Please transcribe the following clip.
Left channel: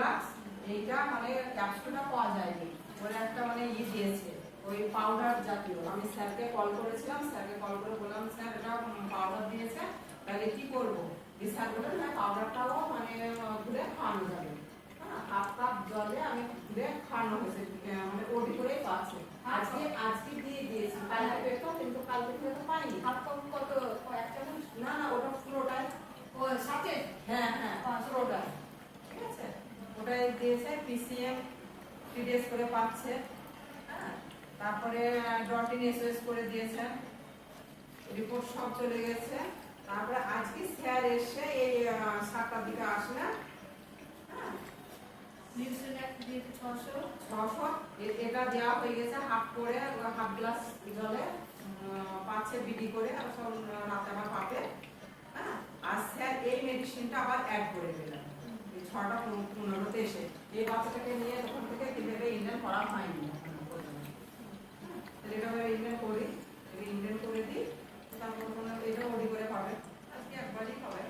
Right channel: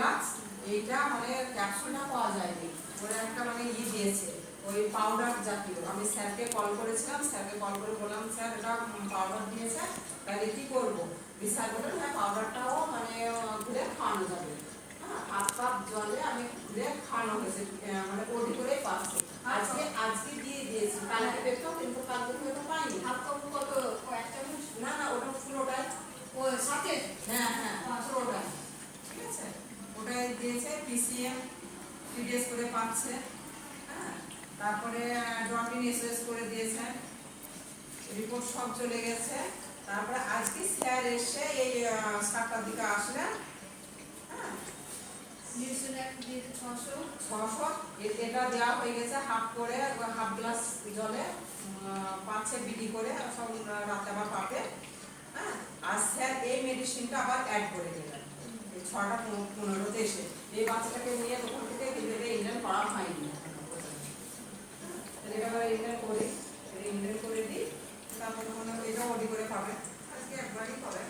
ফিনোলাক্স এইটা মানে ক্যাপসুলটা পাওয়া যায়নি, ওরা একটা মানে দিয়েছে ওই পাউডার জাতীয়। আমি স্যারকে কল করেছিলাম, স্যারকে কল করে বললাম স্যার এটা পাউডার দিয়েছে, তাহলে কি করবো? স্যার বললেন না পাউডারটাও মানে ঘুরে খাওয়ানো যাবে। হ্যাঁ, হাফ কাপ জলে আমি ঘুরে খাওয়ানো হয়েছে, মানে ওটি করেই পাচ্ছি। আজকে দিয়ে দিয়েছি, কালকে পেতো কিন্তু কালকে হয়তো পাইনি। হাফ কাপ কত? এক চামচ? না না, ওটা পুরোটাই। ও সাথে? হ্যাঁ হ্যাঁ, পুরোটাই। ঠিক আছে, ওটাই দিয়েছে। পিসিএম 3 ডেজ করে পাচ্ছে। হ্যাঁ, তারপরে ডটিন এসএস করে দিয়েছে, রিপোর্ট সব চলে গেছে। তারপরে আজকে স্যার এসে এই 7টার দিকে আসলেন। হ্যাঁ, নিউজিল্যান্ড দিয়ে 600 এটা দেওয়া হয়ে গেছে হাফ করে, হাফ গ্লাস জলে পাচ্ছে বিডি করে, সব রাতে আবার পাবে। হ্যাঁ, আর স্যার এই মেডিসিনটা আবার অ্যাড করে দিলেন 6:15 এসে। এই বাচ্চাটাকে নিয়ে ওখান থেকে কিভাবে ইন্ডিয়ান করা হয়নি একেবারে ইন্ডিয়ান করি, ইন্ডিয়ান করে দিই, তারপরে কোনো এটা ওডি করে পাবে, আজকে একবারই পাবে।